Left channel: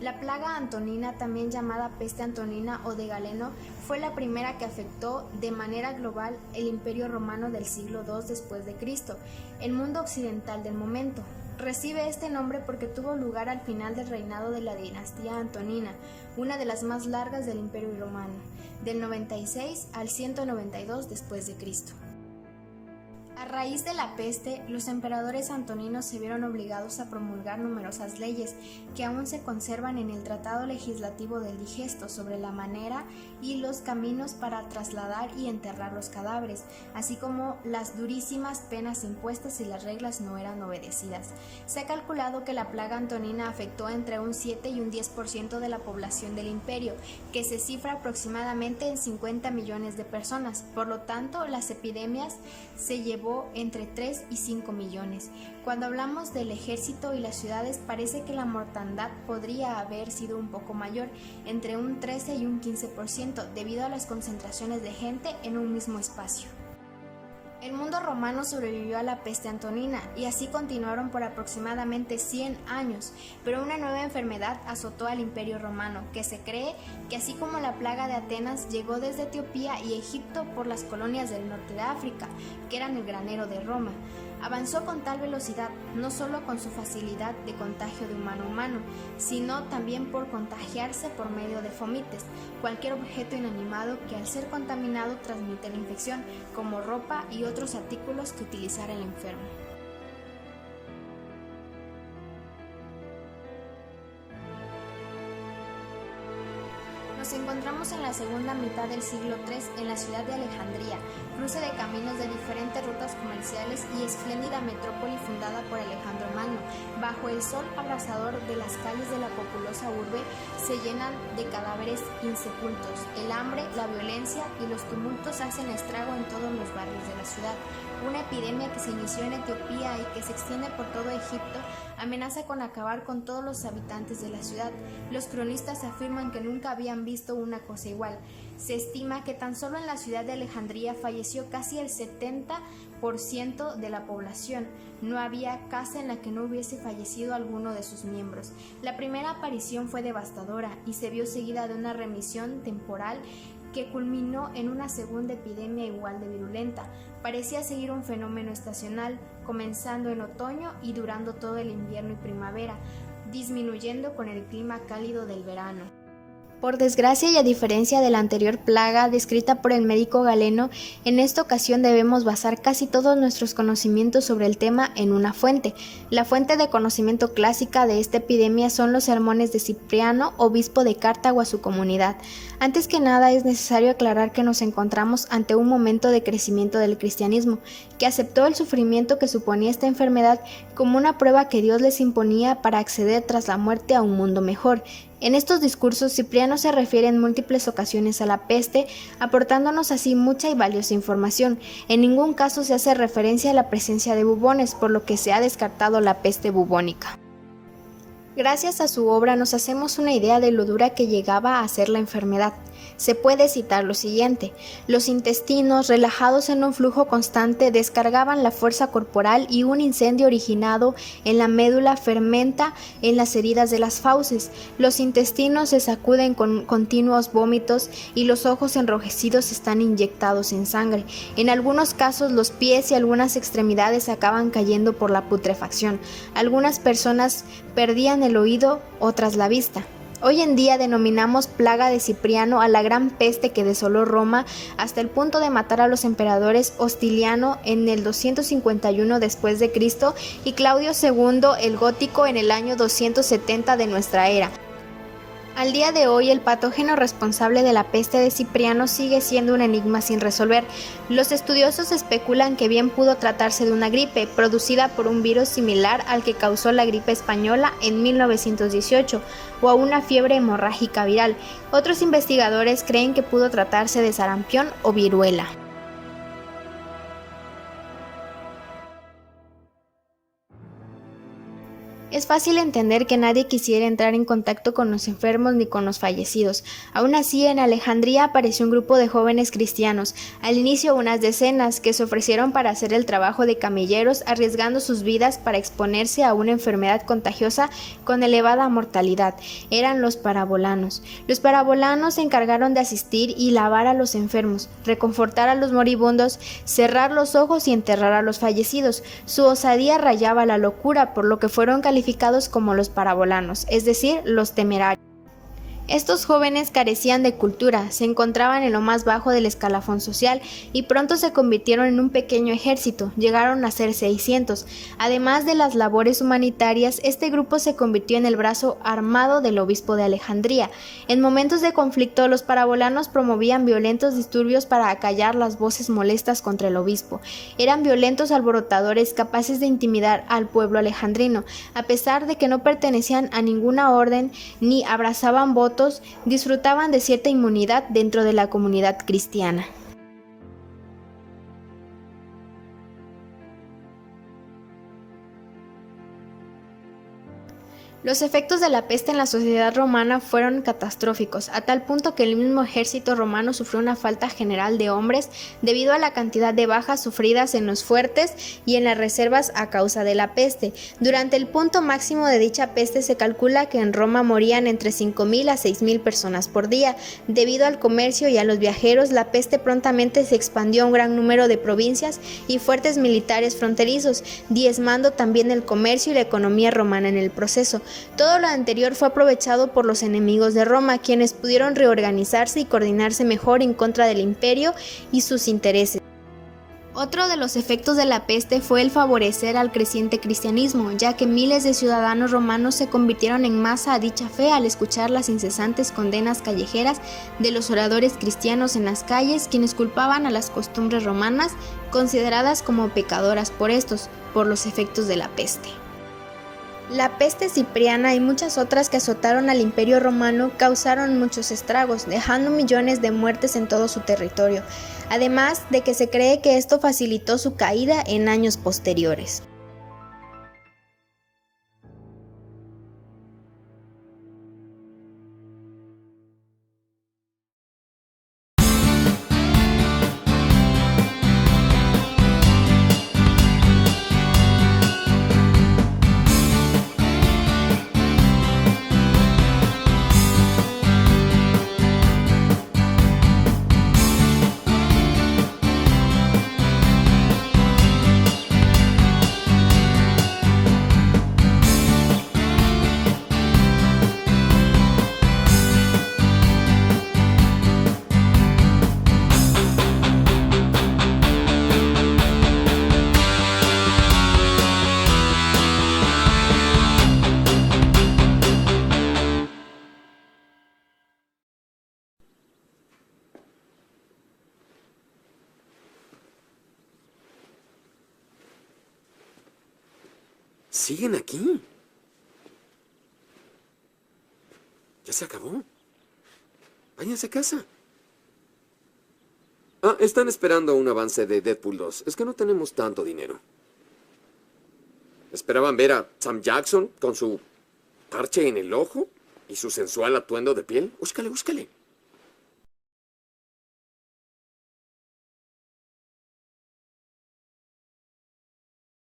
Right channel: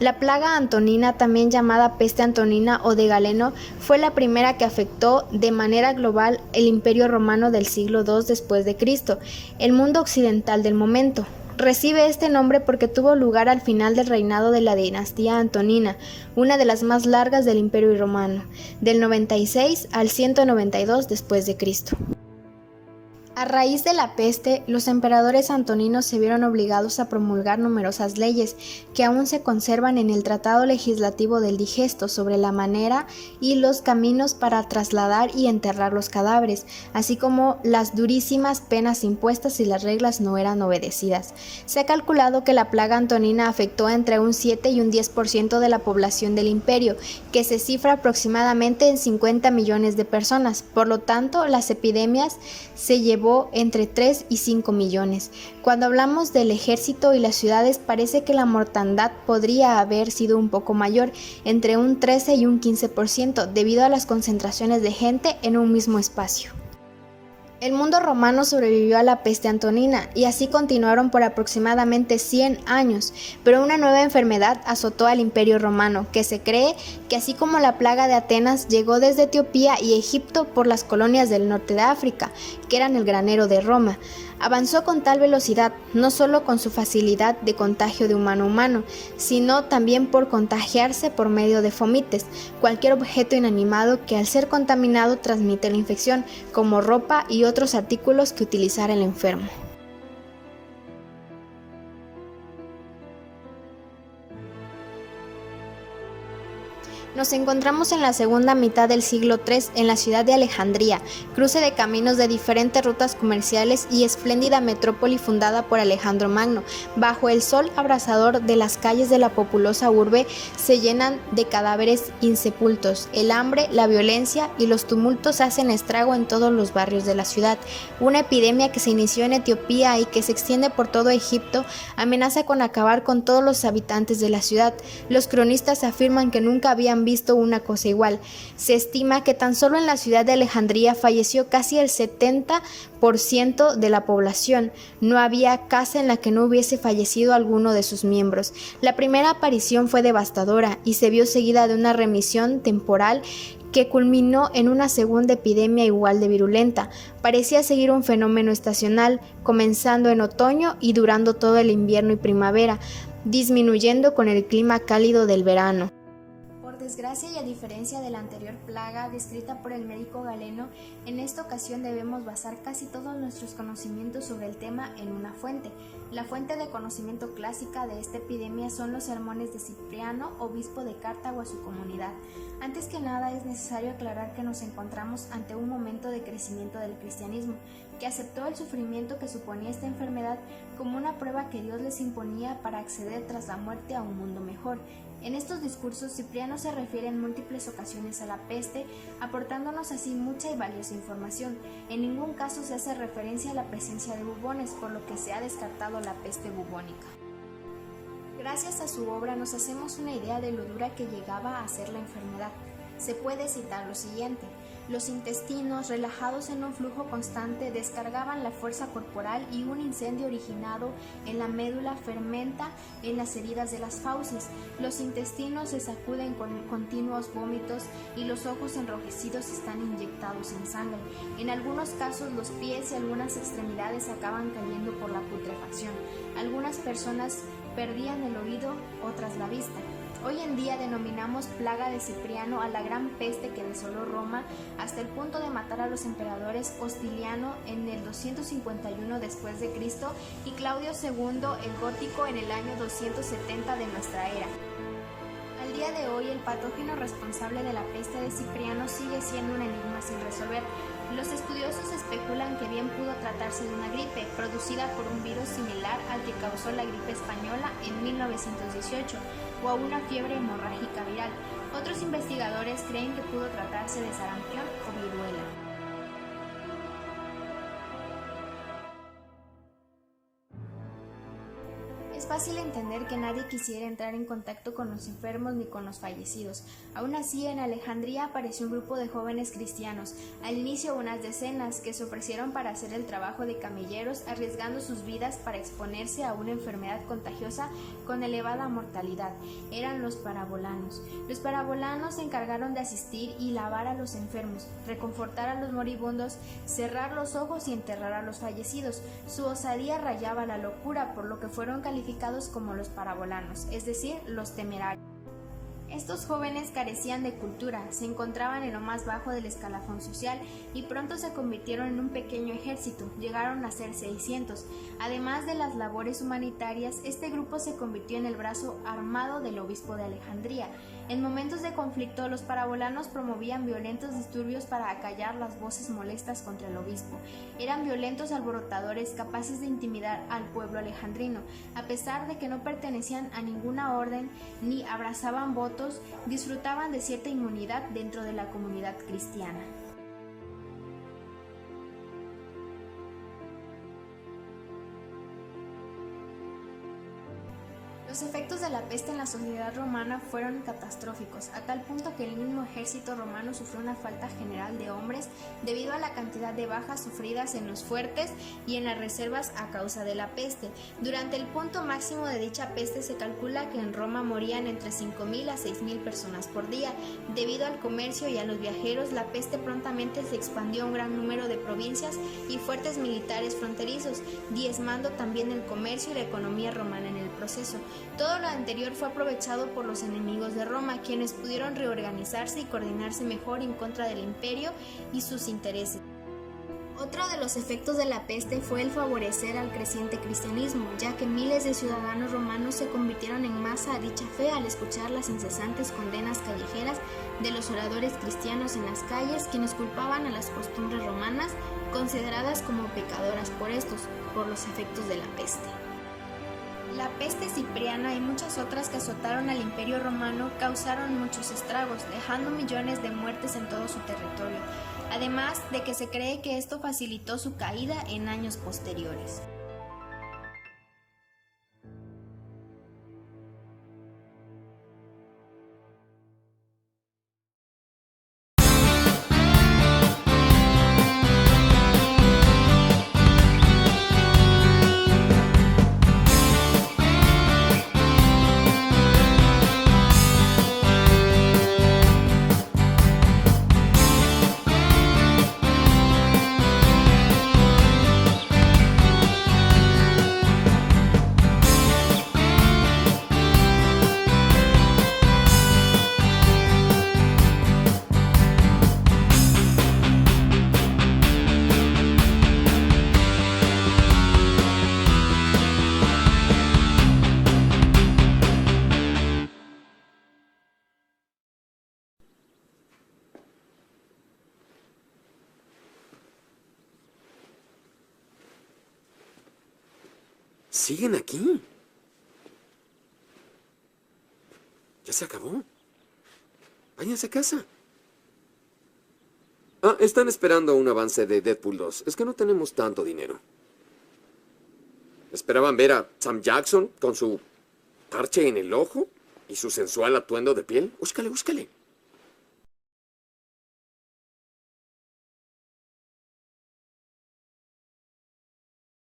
La plaga antonina, también llamada peste antonina o de Galeno, fue la primera que afectó de manera global el Imperio Romano del siglo II después de Cristo, el mundo occidental del momento. Recibe este nombre porque tuvo lugar al final del reinado de la dinastía antonina, una de las más largas del Imperio Romano, del 96 al 192 después de Cristo. A raíz de la peste, los emperadores antoninos se vieron obligados a promulgar numerosas leyes que aún se conservan en el Tratado Legislativo del Digesto sobre la manera y los caminos para trasladar y enterrar los cadáveres, así como las durísimas penas impuestas si las reglas no eran obedecidas. Se ha calculado que la plaga antonina afectó entre un 7 y un 10% de la población del imperio, que se cifra aproximadamente en 50 millones de personas. Por lo tanto, las epidemias se llevó entre 3 y 5 millones. Cuando hablamos del ejército y las ciudades, parece que la mortandad podría haber sido un poco mayor, entre un 13 y un 15%, debido a las concentraciones de gente en un mismo espacio. El mundo romano sobrevivió a la peste antonina y así continuaron por aproximadamente 100 años, pero una nueva enfermedad azotó al Imperio Romano, que se cree que así como la plaga de Atenas llegó desde Etiopía y Egipto por las colonias del norte de África, que eran el granero de Roma. Avanzó con tal velocidad, no solo con su facilidad de contagio de humano a humano, sino también por contagiarse por medio de fomites, cualquier objeto inanimado que al ser contaminado transmite la infección, como ropa y otros artículos que utilizara el enfermo. Nos encontramos en la segunda mitad del siglo III en la ciudad de Alejandría, cruce de caminos de diferentes rutas comerciales y espléndida metrópoli fundada por Alejandro Magno. Bajo el sol abrasador de las calles de la populosa urbe se llenan de cadáveres insepultos. El hambre, la violencia y los tumultos hacen estrago en todos los barrios de la ciudad. Una epidemia que se inició en Etiopía y que se extiende por todo Egipto amenaza con acabar con todos los habitantes de la ciudad. Los cronistas afirman que nunca habían visto una cosa igual. Se estima que tan solo en la ciudad de Alejandría falleció casi el 70% de la población. No había casa en la que no hubiese fallecido alguno de sus miembros. La primera aparición fue devastadora y se vio seguida de una remisión temporal que culminó en una segunda epidemia igual de virulenta. Parecía seguir un fenómeno estacional, comenzando en otoño y durando todo el invierno y primavera, disminuyendo con el clima cálido del verano. Por desgracia y a diferencia de la anterior plaga descrita por el médico Galeno, en esta ocasión debemos basar casi todos nuestros conocimientos sobre el tema en una fuente. La fuente de conocimiento clásica de esta epidemia son los sermones de Cipriano, obispo de Cartago, a su comunidad. Antes que nada es necesario aclarar que nos encontramos ante un momento de crecimiento del cristianismo, que aceptó el sufrimiento que suponía esta enfermedad como una prueba que Dios les imponía para acceder tras la muerte a un mundo mejor. En estos discursos, Cipriano se refiere en múltiples ocasiones a la peste, aportándonos así mucha y valiosa información. En ningún caso se hace referencia a la presencia de bubones, por lo que se ha descartado la peste bubónica. Gracias a su obra nos hacemos una idea de lo dura que llegaba a ser la enfermedad. Se puede citar lo siguiente: los intestinos, relajados en un flujo constante, descargaban la fuerza corporal y un incendio originado en la médula fermenta en las heridas de las fauces. Los intestinos se sacuden con continuos vómitos y los ojos enrojecidos están inyectados en sangre. En algunos casos los pies y algunas extremidades acaban cayendo por la putrefacción. Algunas personas perdían el oído, otras la vista. Hoy en día denominamos plaga de Cipriano a la gran peste que desoló Roma hasta el punto de matar a los emperadores Hostiliano en el 251 después de Cristo y Claudio II el Gótico en el año 270 de nuestra era. Al día de hoy, el patógeno responsable de la peste de Cipriano sigue siendo un enigma sin resolver. Los estudiosos especulan que bien pudo tratarse de una gripe, producida por un virus similar al que causó la gripe española en 1918, o a una fiebre hemorrágica viral. Otros investigadores creen que pudo tratarse de sarampión o viruela. Es fácil entender que nadie quisiera entrar en contacto con los enfermos ni con los fallecidos. Aún así, en Alejandría apareció un grupo de jóvenes cristianos, al inicio unas decenas, que se ofrecieron para hacer el trabajo de camilleros, arriesgando sus vidas para exponerse a una enfermedad contagiosa con elevada mortalidad. Eran los parabolanos. Los parabolanos se encargaron de asistir y lavar a los enfermos, reconfortar a los moribundos, cerrar los ojos y enterrar a los fallecidos. Su osadía rayaba la locura, por lo que fueron calificados como los parabolanos, es decir, los temerarios. Estos jóvenes carecían de cultura, se encontraban en lo más bajo del escalafón social y pronto se convirtieron en un pequeño ejército, llegaron a ser 600. Además de las labores humanitarias, este grupo se convirtió en el brazo armado del obispo de Alejandría. En momentos de conflicto, los parabolanos promovían violentos disturbios para acallar las voces molestas contra el obispo. Eran violentos alborotadores capaces de intimidar al pueblo alejandrino, a pesar de que no pertenecían a ninguna orden ni abrazaban votos, disfrutaban de cierta inmunidad dentro de la comunidad cristiana. Los efectos de la peste en la sociedad romana fueron catastróficos, a tal punto que el mismo ejército romano sufrió una falta general de hombres debido a la cantidad de bajas sufridas en los fuertes y en las reservas a causa de la peste. Durante el punto máximo de dicha peste se calcula que en Roma morían entre 5.000 a 6.000 personas por día. Debido al comercio y a los viajeros, la peste prontamente se expandió a un gran número de provincias y fuertes militares fronterizos, diezmando también el comercio y la economía romana en el proceso. Todo lo anterior fue aprovechado por los enemigos de Roma, quienes pudieron reorganizarse y coordinarse mejor en contra del imperio y sus intereses. Otro de los efectos de la peste fue el favorecer al creciente cristianismo, ya que miles de ciudadanos romanos se convirtieron en masa a dicha fe al escuchar las incesantes condenas callejeras de los oradores cristianos en las calles, quienes culpaban a las costumbres romanas, consideradas como pecadoras por los efectos de la peste. La peste cipriana y muchas otras que azotaron al Imperio Romano causaron muchos estragos, dejando millones de muertes en todo su territorio, además de que se cree que esto facilitó su caída en años posteriores. ¿Siguen aquí? ¿Ya se acabó? Váyanse a casa. Ah, están esperando un avance de Deadpool 2. Es que no tenemos tanto dinero. ¿Esperaban ver a Sam Jackson con su parche en el ojo y su sensual atuendo de piel? Búscale, búscale.